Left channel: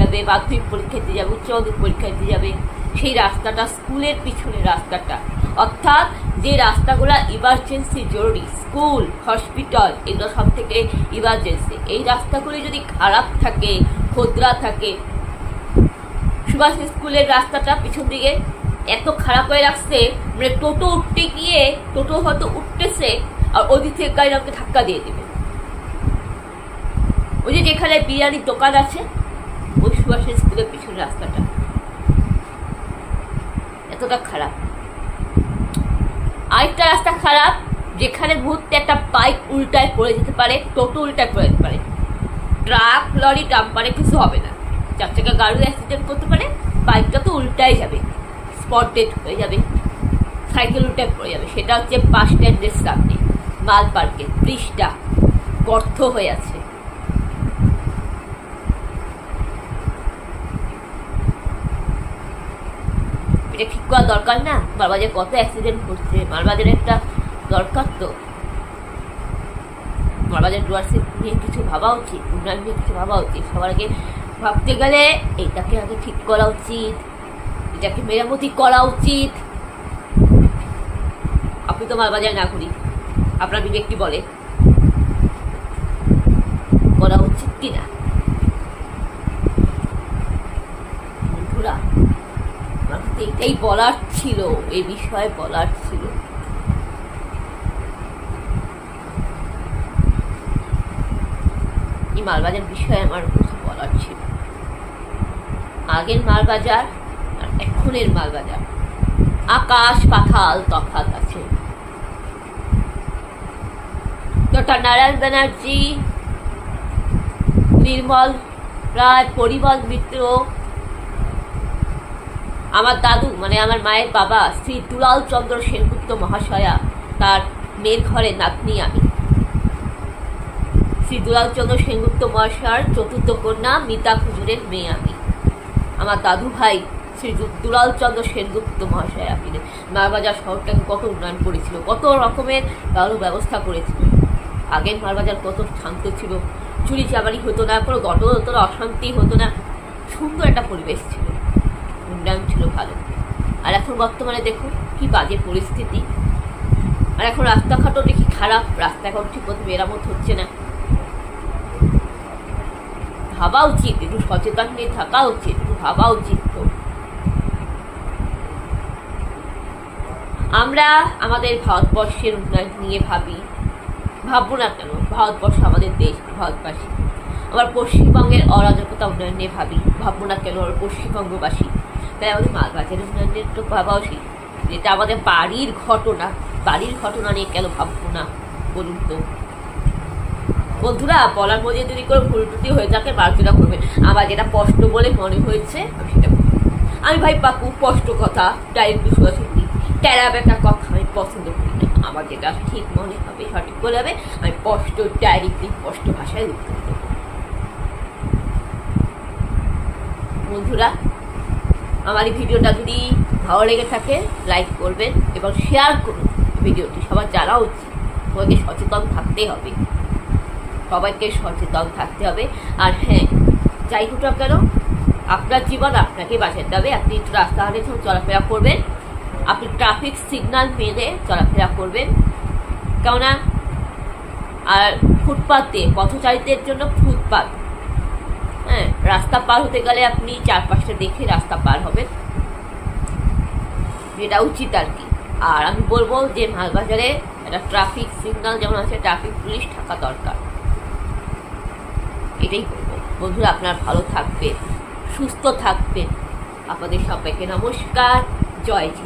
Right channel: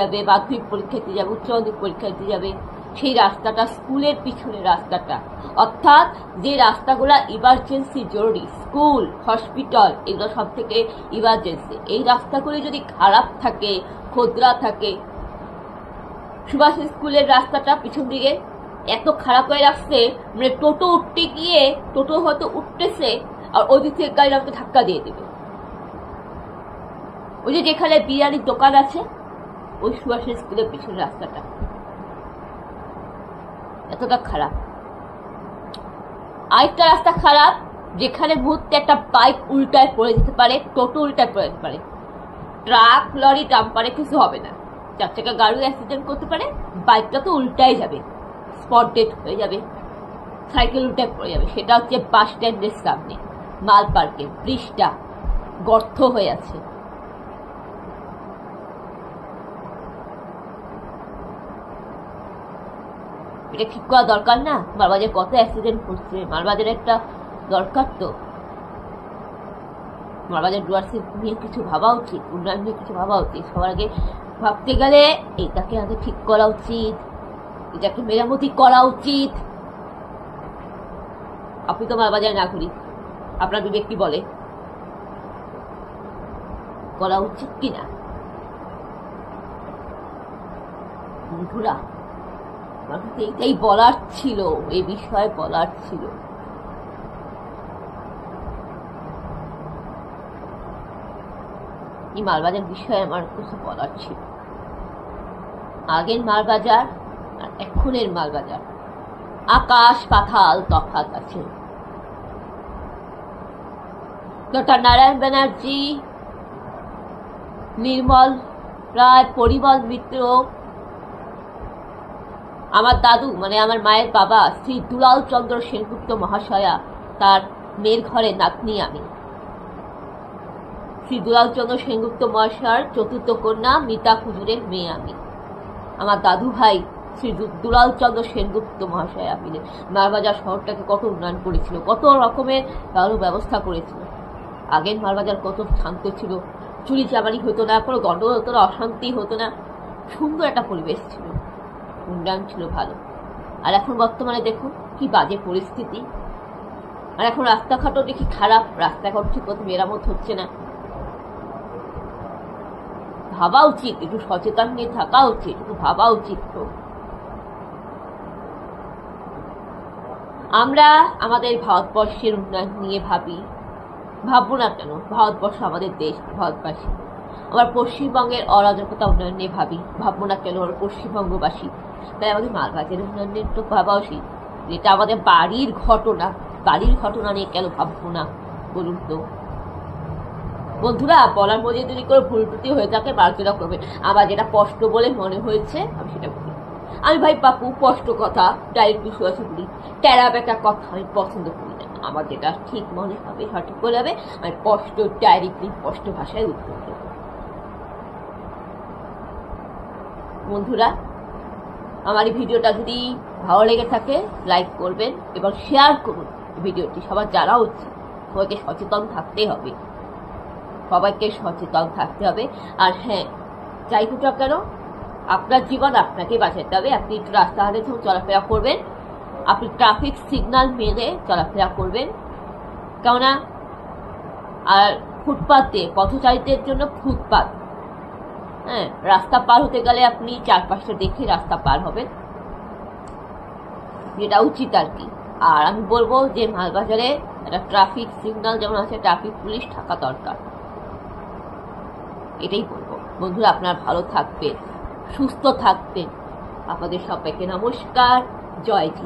যাবে, মাধ্যমিক পরীক্ষা দিতে যাবে, উচ্চ মাধ্যমিক পরীক্ষা দিতে যাবে, সেই রাস্তাটা স্কুলের পিছনের রাস্তাটা, অর্থাৎ যে রাস্তাগুলো ইমার্জেন্সি জরুরি, স্কুল, হসপিটাল, এগুলো সব থেকে ইমার্জেন্সি, এই রাস্তাগুলি যদি খারাপ থাকে, খোদরা থাকে, সুভাষ স্কুলের রাস্তাটা পিছন দিকে এত খারাপ হয়ে রাখছে, মানে টোটো উঠতে গিয়ে টোটো হয়তো উঠতেছে আর ওই দিক থেকে গাড়ি আমাকে ধাক্কা দিয়ে দেবে। ওই যে যেখানে বিরিয়ানির দোকান আছে, ওই সুভাষ স্কুলের পিছনের রাস্তাটা এতটা খারাপ। আরেকটা রাস্তা খারাপ, যেখানে মুহূর্তে একটা বাইক উল্টায় পড়ে যেতে পারে, টোটো উল্টায় পড়ে যেতে পারে, ট্রাক, লরি, ডাম্পারে কিছু হবে না, 4 চাকা গাড়ি অ্যাক্সিডেন্ট করতে পারে, বাইকটা তো উল্টাই যাবে, স্পট ডেড হয়ে যাবে, সাইকেল উল্টায় পড়ে যাবে। সেটা হচ্ছে বাস স্ট্যান্ডের সামনে মাল পার্কের ব্রিজটা গর্ত হয়ে আছে। এটা ঠিক করা দরকার না? মালবাজারে কত অ্যাক্সিডেন্ট হচ্ছে, মালবাজারে একটা দরকার তো, মালবাজার ডুয়ার্সিপ নিয়ে কিছু ভাবা উচিত, উন্নয়ন নিয়ে কিছু ভাবা উচিত। সবার আগে ভাবতে গেলে এইটাকে আগে ঠিক করা উচিত, এটাকে মেরামতি করা উচিত। আপনি তো মালবাজার না করি, আপনার বিবেক কি বলে করা উচিত কিনা? বন্ধুরা, এইটাই বলার ছিল, এই বিষয়ে বলার ছিল। এই মালবাজার বিষয়ে আমার কথা বলার ছিল। আগের মালবাজার আর এখনের মালবাজার আকাশ পাতাল তফাৎ আছে। ডক্টর নারায়ণ ব্যানার্জি, নির্মল রায়, পরিমল মিত্র, আমার দাদু মানে আমার মায়ের বাবা শ্রী দুলাল চন্দ্র সেনগুপ্ত মহাশয়া, তার মেয়ের ঘরে নাতনি আমি। শ্রী দুলাল চন্দ্র সেনগুপ্ত মহাশয়ের চতুর্থ কন্যা মিতা হুজুরের মেয়ে আমি। আমার দাদু ভাই শ্রী দুলাল চন্দ্র সেনগুপ্ত মহাশয়া মিলে মালবাজার শহরটাকে কত উন্নয়ন করেছিল, কত রকমের ভালো ব্যবস্থা করেছিল। আগের মালবাজার কত শান্ত ছিল, চুরি চামারি হতো না, কোনো গন্ডগোল হতো না, অশান্তি হতো না, সুন্দর একটা পরিবেশ ছিল, উন্নয়ন ছিল ভালো। আর এখন বর্তমানে দেখুন কি বাজে পরিস্থিতি। আর এখন রাস্তাঘাটও দেখি খারাপ, রাস্তাঘাট ঠিক মতো মেরামত হচ্ছে না। ভাবা উচিত, একটু সচেতন নিয়ে থাকা উচিত, একটু ভাবা উচিত। তো আমরা আমাদের ভারতবর্ষের উন্নয়ন নিয়ে ভাববো না কেন? ভারতবর্ষ আমাদের দেশ, ভারতবাসী। আমার পশ্চিমবঙ্গের অরাজকতা উন্নয়ন নিয়ে ভাববো না কেন? আমার পশ্চিমবঙ্গবাসী। তাই আমাদের মালবাজারের উন্নয়নের তো ভাবা উচিত, যেটা আমাদের বাড়ির ঘটনা নিয়ে কেন ভাববো না বলুন তো? বন্ধুরা, বলার মধ্যে যদি কোনো ভুল ত্রুটি হয়ে থাকে মার্জনা করবেন। আমার যেটা স্পষ্ট বলে মনে হয়েছে আমি সেটা বলি। আমি ভাই পাকু স্পষ্ট কথা, ডাইরেক্টলি সরাসরি টেরা বেটা কথা আমি পছন্দ করি না। আমার যেটা ঠিক মনে হবে, সঠিক বলে হবে, আমি স্পষ্ট ডাইরেক্টলি স্পষ্ট ভাষায় উত্তর দেব। বন্ধুরা, আমার এই ভিডিওটা যদি ভালো লেগে থাকে লাইক করবেন এবং শেয়ার করুন ভিডিওটি। সবার জানা উচিত, সবাইকে সচেতন থাকতে হবে, সবাইকে সচেতন থাকতে হবে। আর হ্যাঁ, যাই হোক না কেন, আপনার জীবন আপনাকে বাঁচাতে হবে। আপনি একটু রাস্তাঘাটে যখন চলাফেরা করবেন, আপনি ট্রাফিক সিগন্যাল মেনে চলাফেরা করবেন, কেননা আর ফুটপাথ দিয়ে পথচারীদের জন্য ফুটপাথ, হ্যাঁ, রাস্তা পার হতে গেলে আপনি চারপাশটা দেখে রাস্তা পার হবেন, যেটা উচিত আর কি। আর আমি বলবো যে মালবাজারে একটা ট্রাফিক সিগন্যাল যেমন আছে, ট্রাফিক পুলিশ থাকা দরকার, এটাই বলবো। বন্ধুরা, আপনারা ভালো থাকবেন, সুস্থ থাকবেন। আপনাদের সবাইকে নমস্কার, জয় জি।